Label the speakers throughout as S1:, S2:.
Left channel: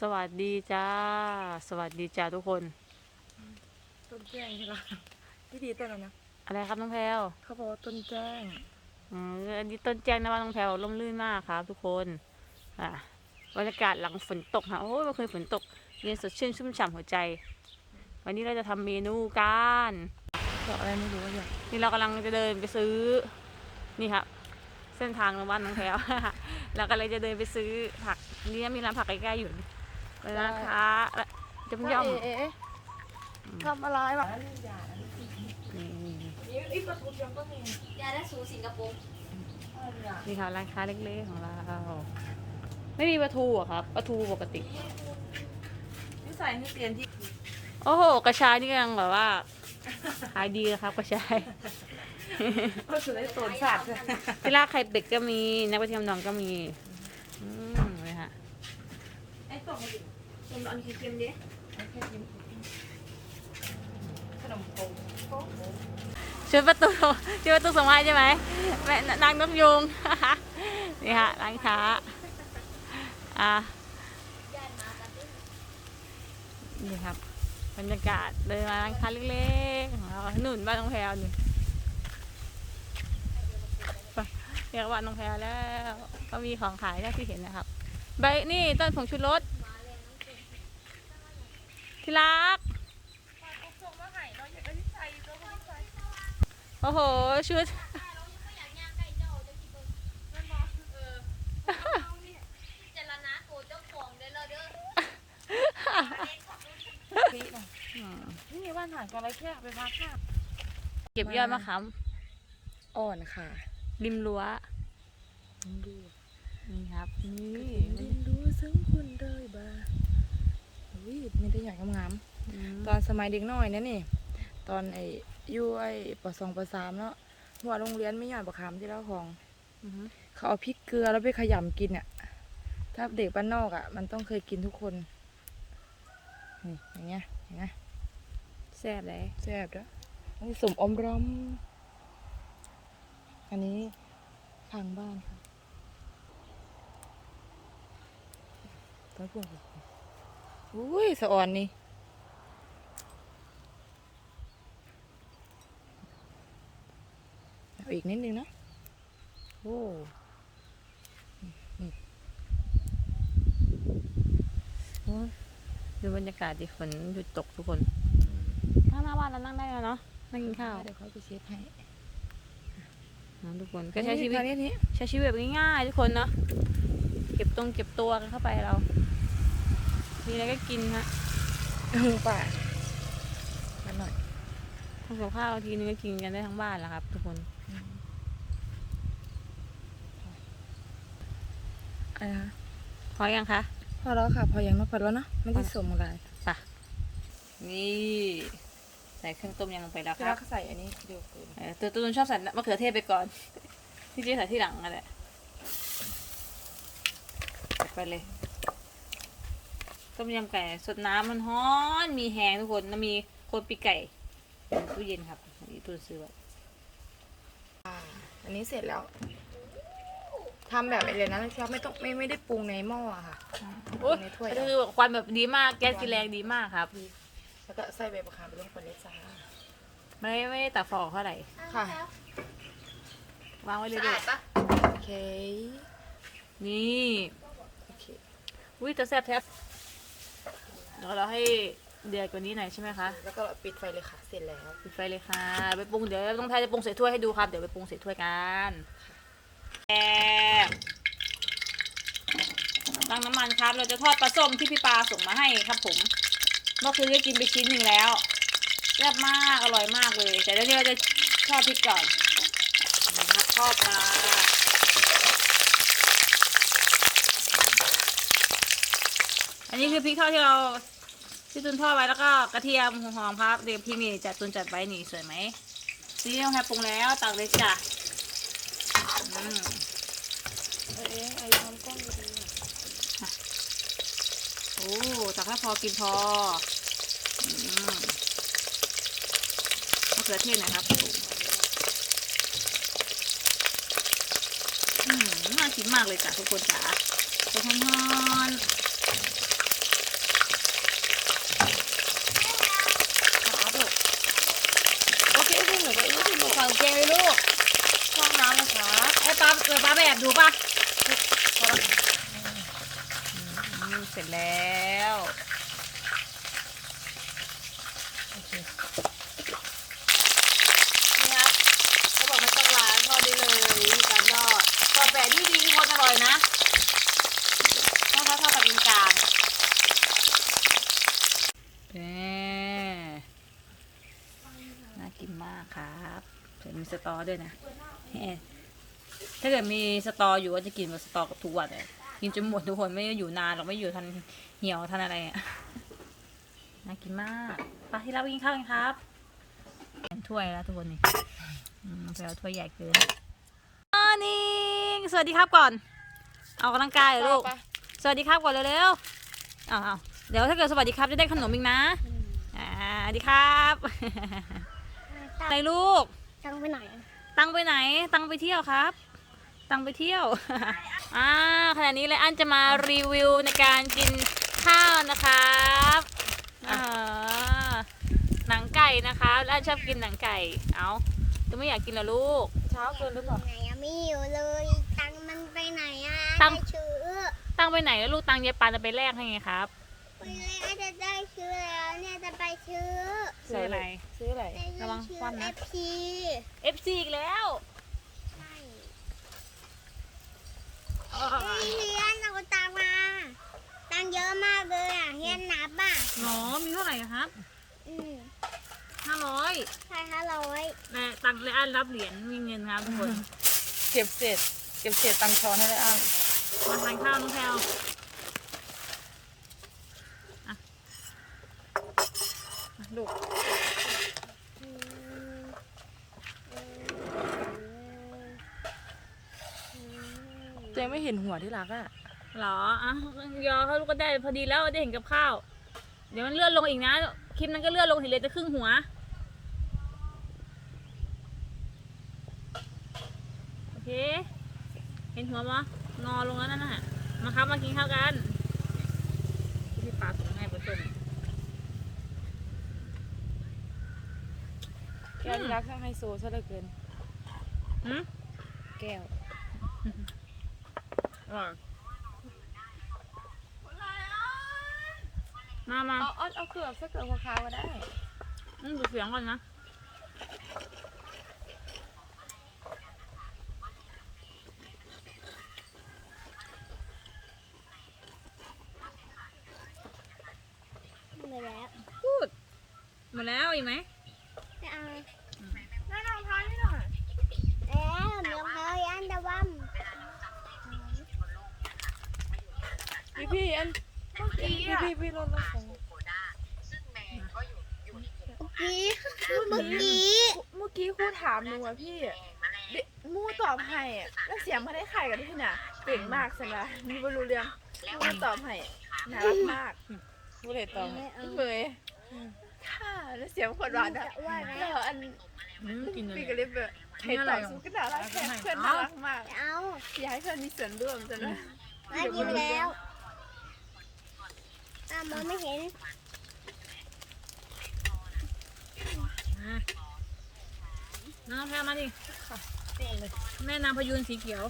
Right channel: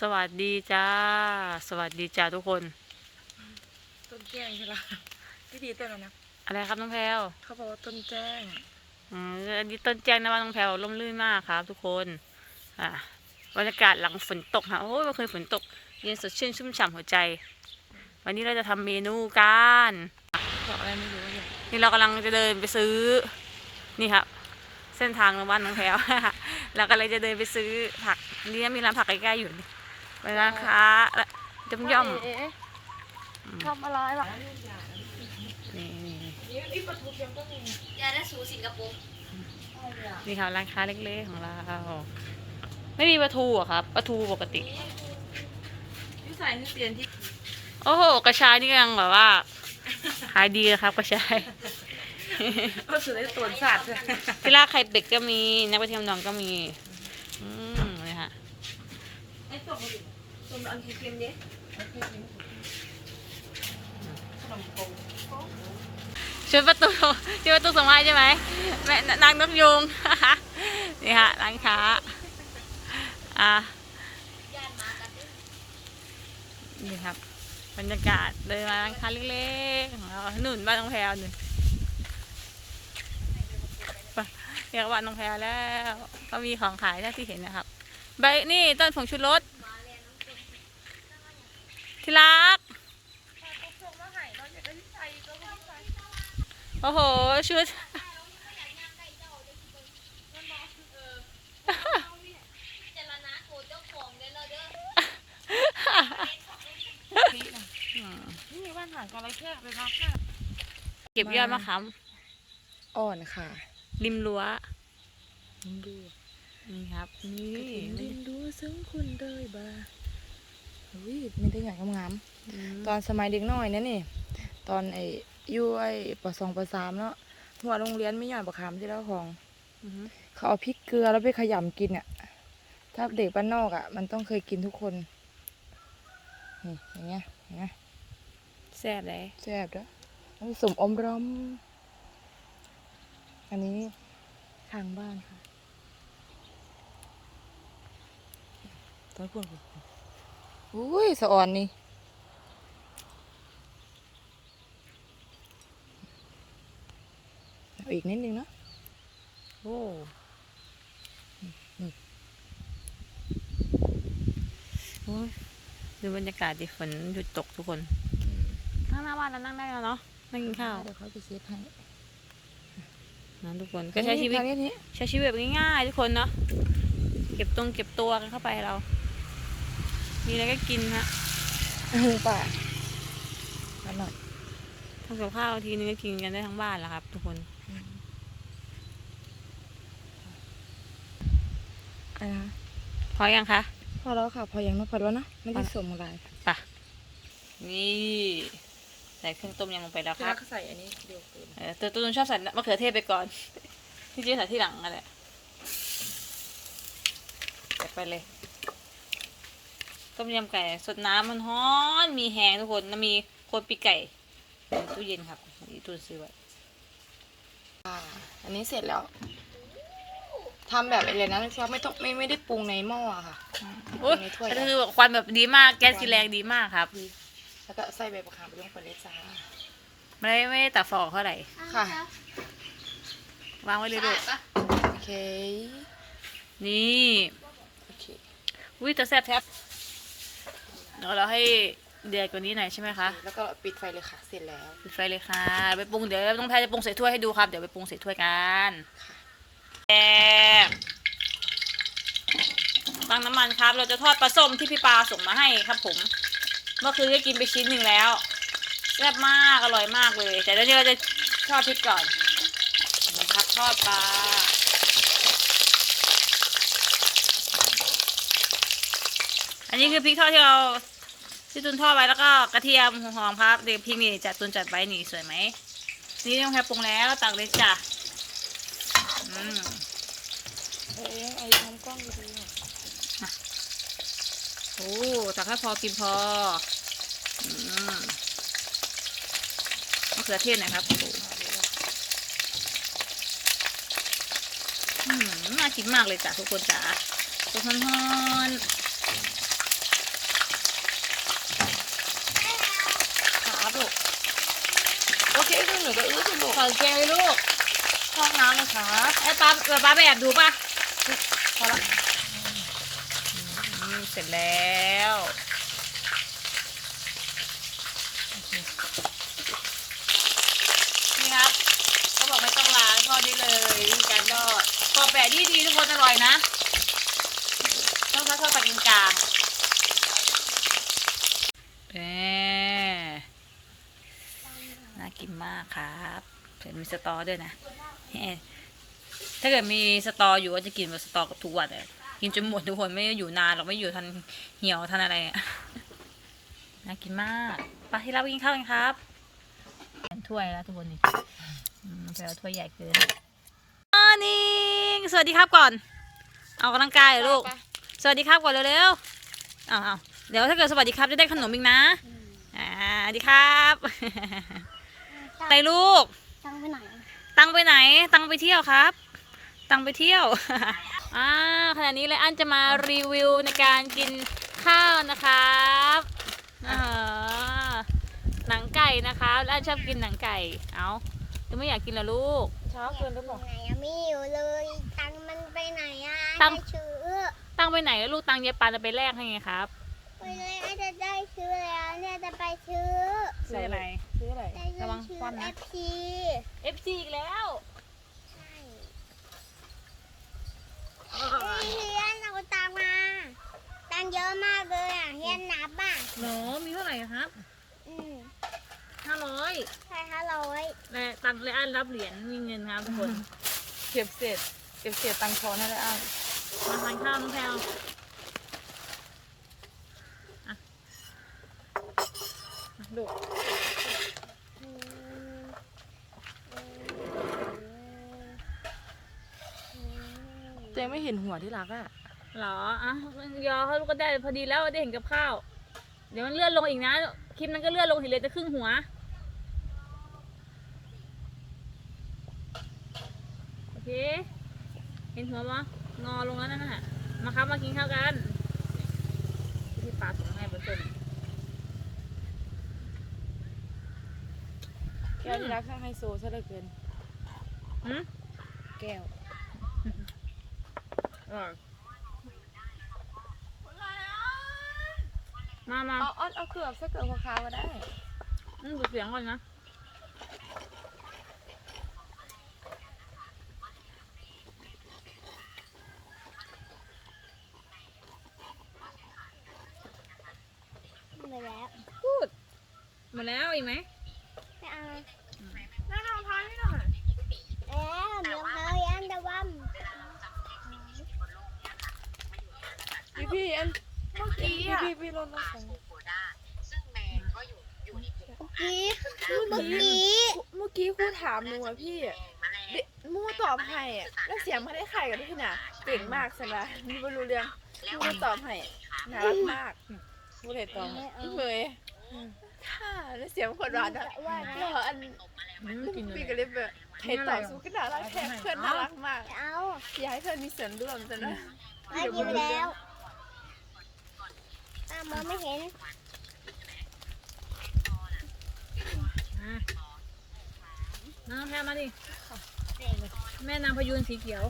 S1: สวัสดีจ้า สวัสดีจ้าทุกคน
S2: ต้นแจ้งใช่ปะที่ดีต้นอะไรนะ
S1: อะไรครับน้องแพลว
S2: เขาบอกว่าต้นแจ้ง
S1: อืมอันนี้ต้นแจ้งนะว่าน้องแพลวร่มรื่นมากครับ ทุกคน อะบรรยากาศหลังฝนตกค่ะโอ้ยเมื่อคืนฝนตกเย็นสดชื่นชุ่มฉ่ำหัวใจ วันนี้เราจะทำเมนูกัน
S2: บอกอะไรไม่รู้เนี่ย
S1: นี่เรากำลังจะเดินไปซื้อ นี่ครับ เส้นทางของบ้านน้องแพลว เรากำลังจะเดินไปซื้อผักนี่มีร้านผักใกล้ๆอยู่นี่ เป็นร้านค้าและย่อมย่อม
S2: เอ๊ะทำอะไรวะ
S1: ๆนี่นี่
S2: นี่อีปลาทูยังก็มี
S3: ยาได้สูสิงคโปร์
S1: นี่ครับร้านค้าเล็กๆของเรา ไม่มีปลาทูเหรอะครับปลาทูปกติ
S2: ที่ใส่ที่เตียนที่
S1: โอ้โหกระชายนี่ยังแบบว่าขายดีนะครับกระชาย
S2: ก็สุดได้ตัวสัตว์
S1: ที่ลากไข่เป็ดก็มีนักกระเทียมดองก็มีอืมนี่ฮะ
S2: ไอ้ตัวมัน ตัวอันเค็มๆด้ขนมโค
S1: ช่วยประตูช่วยประตูส่งมาให้ใช่ไหมแม่นางนกยุงนี่ฮะร้านค้าอะนี่ครับบรรยากาศเดินมาร้านค้าเล็กๆของเราหนุนบ้านน้องแพรหนึ่เรียกว่าน้องแพรแล้ว ก็มีของขายเท่าที่เห็นนะครับ ใบนี่ต้นผงชูรส ที่รัก โอ้โห ชุด
S3: เจรณาโกเจ้าของเลยเราเด้อ
S2: นี่มีบ้านห่างกันไรแค่ไปมาค่ะ
S1: เก็บยอดมะขาม
S2: อ่อนค่ะ
S1: ริมรั้ว
S2: ดู
S1: นี่ครับ นี่
S2: ดินดูซึ่งคุณเดยบ้าอุ้ยไม่ได้ใหญ่งาม
S1: อืม
S2: ๆตอนสมัยเด็กน้อยนะนี่ ตอนไอ้อยู่ไอ้ปสองปสามเนาะหัวโรงเรียนไม่ย่อยประคำที่เล่าของ
S1: อืม
S2: เขาเอาพริกเกลือแล้วไปขยำกินอะ ถ้าเด็กบ้านนอกอะ มันต้องเคยกินทุกคนนี่อย่างเงี้ยอย่างเงี้ย
S1: แซ่บเลย
S2: แซ่บด้วยอันนี้สมอมรอม อันนี้ทางบ้านค่ะต้นพูน อุ้ยสะอ่อนนี่เอาอีกนิดนึงนะ
S1: โอ้
S2: นี่
S1: โอ้ยดูบรรยากาศดิฝนหยุดตกทุกคนนั่งหน้าบ้านแล้วนั่งได้แล้วเนาะนั่งกินข้าว
S2: เดี๋ยวเขาไปเช็ดให้
S1: นะทุกคนก็ใช้ชีวิต
S2: อันนี้
S1: ใช้ชีวิตแบบง่ายๆทุกคนเนาะเก็บตรงเก็บตัวกันเข้าไปเรา มีอะไรก็กินฮะ
S2: อันนี้ป่าอันหน่อย
S1: ทำกับข้าวทีนึงก็กินกันได้ทั้งบ้านแหละครับ ทุกคน
S2: อันนะ
S1: พอยังคะ
S2: พอแล้วค่ะ พออย่างนั้นพอแล้วเนอะไม่ได้
S1: พอ
S2: สวมอะไร
S1: นี่ใส่เครื่องต้มยำลงไปแล้วค
S2: แล้
S1: รั
S2: ว
S1: บ
S2: ก็ใส่อันนี้เดียวกัน
S1: เออตัวตูนชอบใส่มะเขือเทศไปก่อนพี่เจ๊ใส่ที่หลังนั่นแหละใส่ไปเลย ต้มยำไก่สดน้ำมันฮ้อนมีแหงทุกคนแล้วมีโคนปีกไก่ในตู้เย็นครับนี่ตูนซื้อไว้
S2: อ่าอันนี้เสร็จแล้วทำแบบอะไรนะเราไม่ต้องไม่ไม่ได้ปรุงในหม้ออะค่ะ
S1: โอ้ย
S2: ในถ้วย
S1: ก็คือแบบควันแบบดีมากแก๊สกีแรงดีมากครับ
S2: แล้วก็ใส่ใบมะขามไปลงไปเลยจ้า
S1: ไม่ได้ไม่ได้ตัดฟองเท่าไหร่
S2: ค่ะ
S1: วางไว้เลย
S3: สะ
S1: ด้ว
S3: อายดปะ
S2: โอเค
S1: นี่
S2: โอเค
S1: อุ้ยแต่แซ่บแทบ เดี๋ยวเราให้เดือดกว่านี้หน่อยใช่ไหมคะ
S2: แล้วก็ปิดไฟเลยค่ะ เสร็จแล้ว
S1: ปิดไฟเลยค่ะ ไปปรุงเดี๋ยวต้องแพ้จะปรุงใส่ถ้วยให้ดูครับ เดี๋ยวไปปรุงใส่ถ้วยกันแอบตั้งน้ำมันครับ เราจะทอดปลาส้มที่พี่ปาส่งมาให้ครับ ผม เมื่อคืนก็กินไปชิ้นหนึ่งแล้วแซ่บมากอร่อยมากเลย แต่เดี๋ยวนี้เราจะทอดพริกก่อนนะครับทอดปลาอันนี้คือพริกทอดที่เรา ที่ตุนทอดไว้แล้วก็กระเทียมหัวหอมครับเดี๋ยวพริกนี่จัดตุนจัดไว้นี่สวยไหมนี่ต้องแคปปรุงแล้วตักเลยจ้ะอืม
S2: เอ้ไอ้ทำกล้องดีๆอะ
S1: โอ้ตักแค่พอกินพออืมมะเขือเทศน่อยครับอืมน่ากินมากเลยจ้ะทุกคนจ๋าตัวฮ้อนๆ กงเลยลูก
S2: ห้องน้ำครับ
S1: ไอ้ป้าป้าไปแอบดูป่ะพอละอืมเสร็จแล้วโอเคนี่ครับเขาบอกไม่ต้องล้างทอดได้เลยวิธีการทอดทอแปะดีดีทุกคนอร่อยนะต้องทอดทอดปลาอินกลางแหมน่ากินมากครับ เห็นมีสตอด้วยนะเฮ้ถ้าเกิดมีสตออยู่ก็จะกินแบบสตอกับทุกวันเลยกินจนหมดทุกคนไม่ได้อยู่นานหรอกไม่อยู่ทันเหี่ยวทันอะไรอะน่ากินมากไปที่เราไปกินข้าวกันครับเป็นถ้วยแล้วทุกคนนี่อืมไปเอาถ้วยใหญ่เกินมอร์นิ่งสวัสดีครับก่อน เอากำลังกายเหรอลูก สวัสดีครับก่อนเร็วๆเอาเอาเดี๋ยวถ้าเกิดสวัสดีครับจะได้ขนมอีกนะ อ่าสวัสดีครับไปลูก
S3: ตั้งไปไหน
S1: ตังไปไหน ตังไปเที่ยวครับ ตังไปเที่ยวอ่าขณะนี้เลยอันจะมารีวิวในการกินข้าวนะครับอ่าหนังไก่นะคะแล้วอันชอบกินหนังไก่ เอาจะไม่อยากกินเหรอลูก
S2: เช้าคืนหรือเปล่า
S3: ไหนอะไม่อยู่เลย ตังค์มันไปไหนอะ
S1: ตังค์
S3: ได้ชื่อ
S1: ตังไปไหนแล้วลูกตังเยปันจะไปแลกให้ไงครับ
S3: ไปเลยอาจจะได้ชื่อแล้วเนี่ยจะไปชื่อ
S1: ซื้ออะไร
S2: ซื้ออะไร
S3: ได้
S1: ระวัง
S3: ชื่อ
S1: คว่ำนะ
S3: FP
S1: FC อีกแล้ว
S3: ใช่เฮ้ยเฮียนเอาตังค์มา ตังค์เยอะมากเลยอะเฮียนนับอะ
S1: หนอมีเท่าไหร่ครับ
S3: อืม
S1: ห้าร้อย
S3: ใช่ห้าร้อย
S1: และตังเลยอันรับเหรียญมีเงินครับทุกคน
S2: เก็บเศษเก็บเศษตังค์ช้อนให้ได้อ้าง
S1: มาทานข้าวน้องแพลวอะมา ลูก
S3: อืมอืมอืม
S2: ตัวเองไม่เห็นหัวที่รักอะ
S1: เหรออะยอเขาลูกก็ได้พอดีแล้วได้เห็นกับข้าว เดี๋ยวมันเลื่อนลงอีกนะ คลิปนั้นก็เลื่อนลงเห็นเลยจะครึ่งหัว โอเค เห็นหัวมั้งอลงแล้วนั่นน่ะ มาครับมากินข้าวกันที่ปลาส่งให้ผสม
S2: แก้วที่รักช่างไฮโซซะเหลือเกิน
S1: อืม
S2: แก้ว
S1: อร่อยมามา
S2: เอาเอาเอาเกือบสักเกือบขาวๆก็ได้
S1: อืมดูเสียงก่อนนะ
S3: ไปแล้ว
S1: พูดหมดแล้วอีกไหม
S3: ไม่เอา
S1: แม่ลองทานให้หน่อย
S3: แล้วเมียเขายันตะวัน
S2: พี่พี่อันพี่พี่พี่รถรถของ
S3: เมื่อกี้เมื่อกี้
S4: เมื่อกี้ครูถามหนูอะพี่เด็กมู่ตอบให้อะแล้วเสียงมาได้ไข่กับพี่น่ะเก่งมากสินะมีบรรลุเรื่องมู่ตอบให้น่ารักมาก
S2: ผู้เด็ดตอง
S3: ไม่เอา
S4: เมย ค่ะแล้วเสียงคนร้อนอะ
S3: จะว่านะ
S4: แล้วอัน
S1: อืมกินเลย
S4: พี่ก็เลยแบบให้ตอบสู้ก็น่ารักแค่เพื่อนน่ารักมาก
S3: จะเอา
S4: อยากให้เพื่อนมีส่วนร่วมสินะ
S3: ไม่กินไปแล้วอะมองไม่เห็น
S1: มาน้องแพรมาดิแม่นางพยูนสีเขียว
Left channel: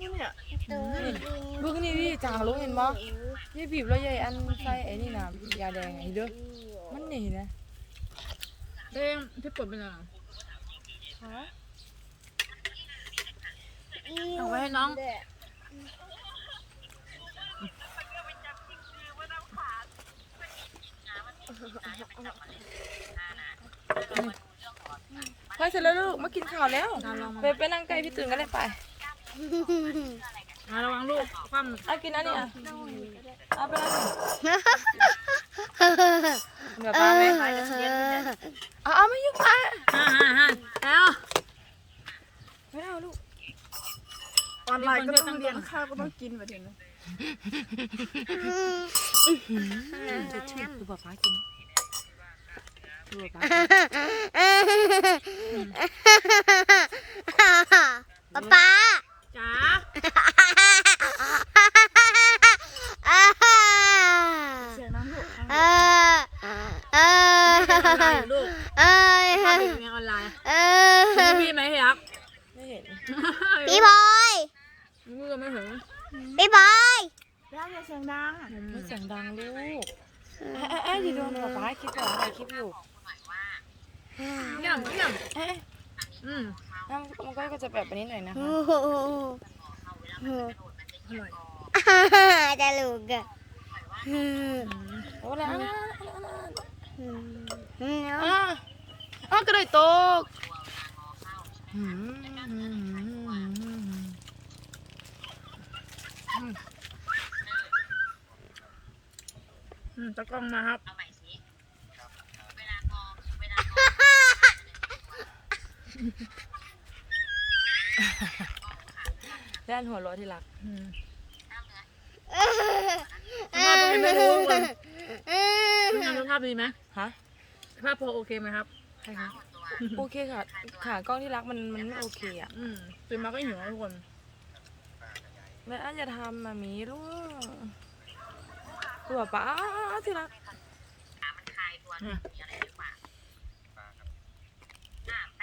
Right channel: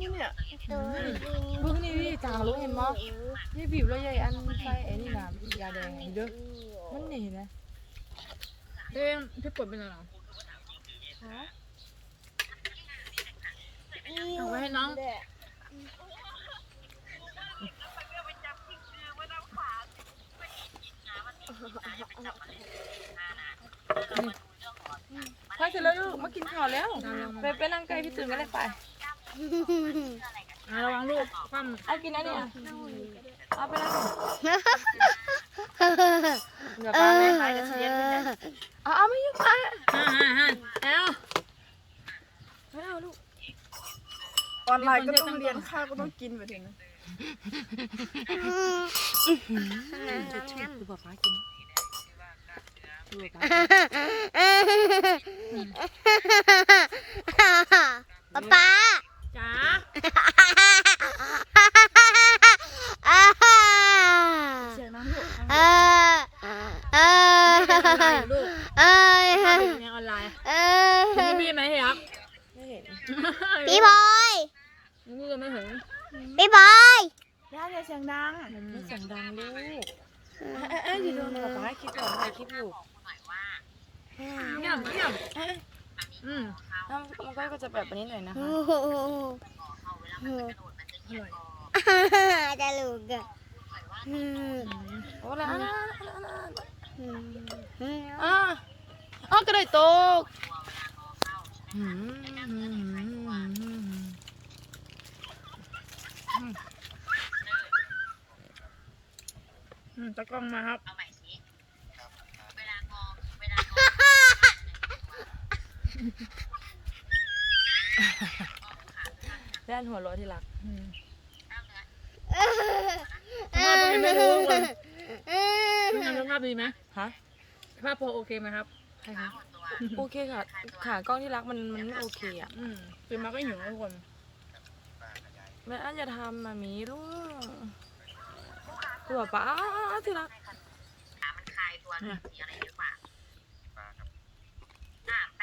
S4: นี่เนี่ย
S3: ตัวกิน
S2: ลูกนี่นี่จางลูกเห็นมั้นี่บีบแล้วใหญ่อันใส่ไอ้นี่นะยาแดงไอ้เด้อมันนี่นะ
S1: เด้งที่ปวดเป็นอะไรเอาไว้ให้น้อง
S2: พอเสร็จแล้วลูกมากินข้าวแล้ว ไปไปนั่งใกล้พี่ตื่นก็ได้ไป
S1: อะระวังลูกคว่ำ
S2: เอากินอันนี้อะเอาไปแล้วเหนือ
S3: เอ
S2: ปลาไหม
S3: อ
S2: เอาเอาไม่ยุ่งอะ
S1: ฮ่าฮ่าฮ่าแล้ว
S2: ไม่เอาลูก
S4: ออนไลน์ก็ต้องเรียนข้าวก็ต้องกินมาถึง
S2: จะเชื่อคือป๊าป๊ากินคือป๊าป๊า
S3: ป๊าป๊า
S1: จ๋า
S4: เสียงนั้นลูก
S3: เออเออ
S1: ลูกเออภาพเนออนไลน์
S3: เออพี่
S1: ไหมพี่รัก
S2: ไม่เห็น
S1: พ
S3: ี่บอย
S1: ลูกไมเห็น
S3: พี่บอย
S4: ย่าอย่เสียงดัง
S2: เสียงดังลูกเอออยู่นกับป้าคิดว่อะไรคิดอยู่
S1: ย่ำย่ำ
S2: อ้ย
S1: อืม
S2: อ้าวมันก็จะแบบนี้หน่อยนะคะ
S3: โอ้โห
S4: อร่อย
S3: ตลกอะ
S2: โอ้แล้วอะ
S3: อืมอืม
S2: อะอะกระไดตกอืม
S1: อืมตะกล้องมาครับ
S2: ด้านหัวเร้อที่รัก
S1: อืม
S3: เอ
S1: ภาพเป็นไงไม่รู้ก่อน
S3: อ
S1: พี่งานภาพดีไหม
S2: ฮะ
S1: ภาพพอโอเคไหมครับ
S2: ใครคะโอเคค่ะ ขากล้องที่รักมันมันไม่โอเคอะ
S1: อืมตื่นมาก็หิวนะทุกคน
S2: แล้วอันจะทำมามีลูกตัวป้า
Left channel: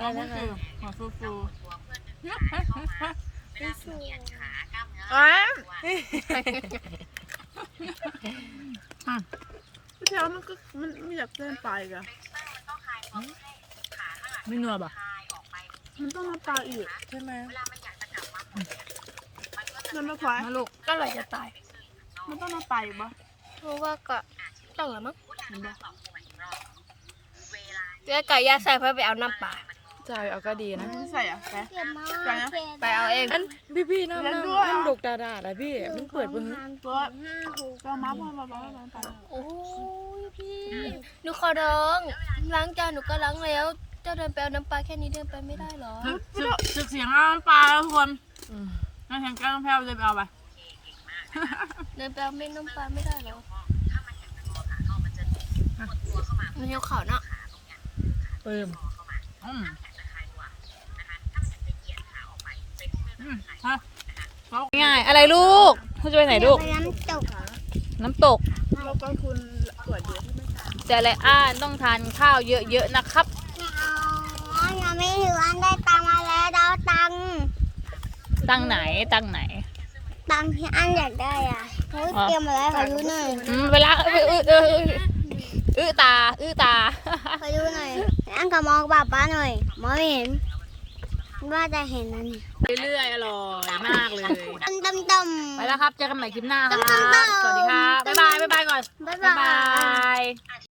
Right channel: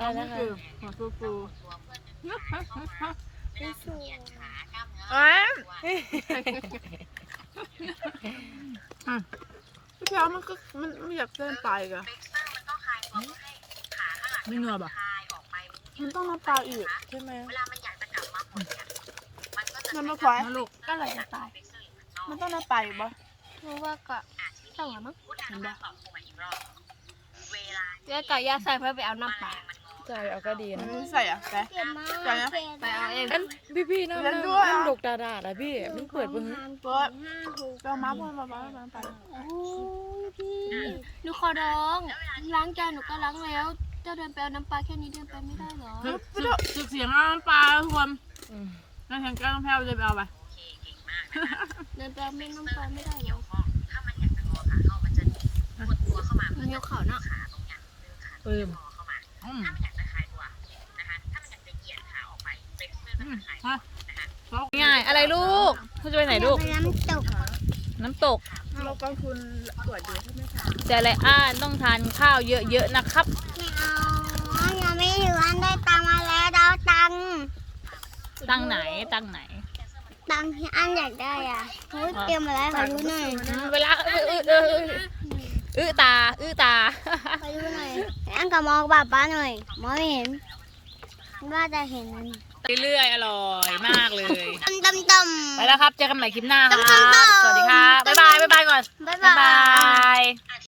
S2: อะไรนะคะ
S1: หัวฟูฟู
S4: เอ้ยพี่เพียวมันก็มันไม่อยากเส้นปลาอีกอะ
S1: ไม่นัวป่ะ
S4: มันต้องน้ำปลาอีก
S2: ใช่ไหม
S4: มันไม่ควาย
S1: มาลูก
S4: ก็เลยจะตาย มันต้องน้ำปลาอีกปะ
S3: รู้ว่าก็ต้องละมั้งแล้วไก่ย่าใส่เพื่อไปเอาน้ำปลา
S2: จ่ายเอาก็ดีนะ
S4: ใส่อะไป
S3: เก็บมา
S4: ไปนะ ไปเอาเอง
S2: อันพี่พี่น้ำ
S4: เรียน
S2: น้ำ
S4: ด้วย
S2: น้ำดกดาดาดอะพี่มันเปิดเบิ้ง
S4: เปิดห้าหกเก้ามาพ่อมาบ้ามาไป
S3: โอ้ยพี่หนูขอร้องล้างจานหนูก็ล้างแล้วเจ้าเดินไปเอาน้ำปลาแค่นี้เดินไปไม่ได้เหรอ
S1: สึกสึกสึกเสียงน้ำปลาแล้วทุกคน
S2: อืม
S1: น้ำแข็งแก้วน้ำแพ้วจะไปเอาไป
S3: เดินไปเอาเม็ดน้ำปลาไม่ได้เหรอมันอยู่เขาเนาะ
S1: เติมอืม อืมฮะง่าย อะไรลูกเขาจะไปไหนลูก
S3: น้ำตก
S1: น้ำตก
S4: เรากองทุนตรวจเยอะใช่ไหมคะ
S1: แต่ไรอ้านต้องทานข้าวเยอะๆนะครับ
S3: ไม่เอายังไม่ถืออันได้ตังค์มาแล้วเราตังค์
S1: ตั้งไหนตั้งไหน
S3: ตังค์ที่อันอยากได้อะโอ้ยเตรียมมาแล้วขอดูหน่อย
S1: อืมเวลาเออเออเออเอออื้อตา อื้อตา
S3: ขอดูหน่อยอันก็มองป้าป้าหน่อยมองไม่เห็นว่าจะเห็นมัน
S1: เรื่อยๆอร่อยมากเลย
S3: ต้มต้มต้ม
S1: ไปแล้วครับ เจอกันใหม่คลิปหน้าครับ
S3: ต้มๆๆ
S1: สวัสดีครับบ๊ายบายบ๊ายบายก่อน
S3: บ๊าย
S1: บ๊าย
S3: บา
S1: บายย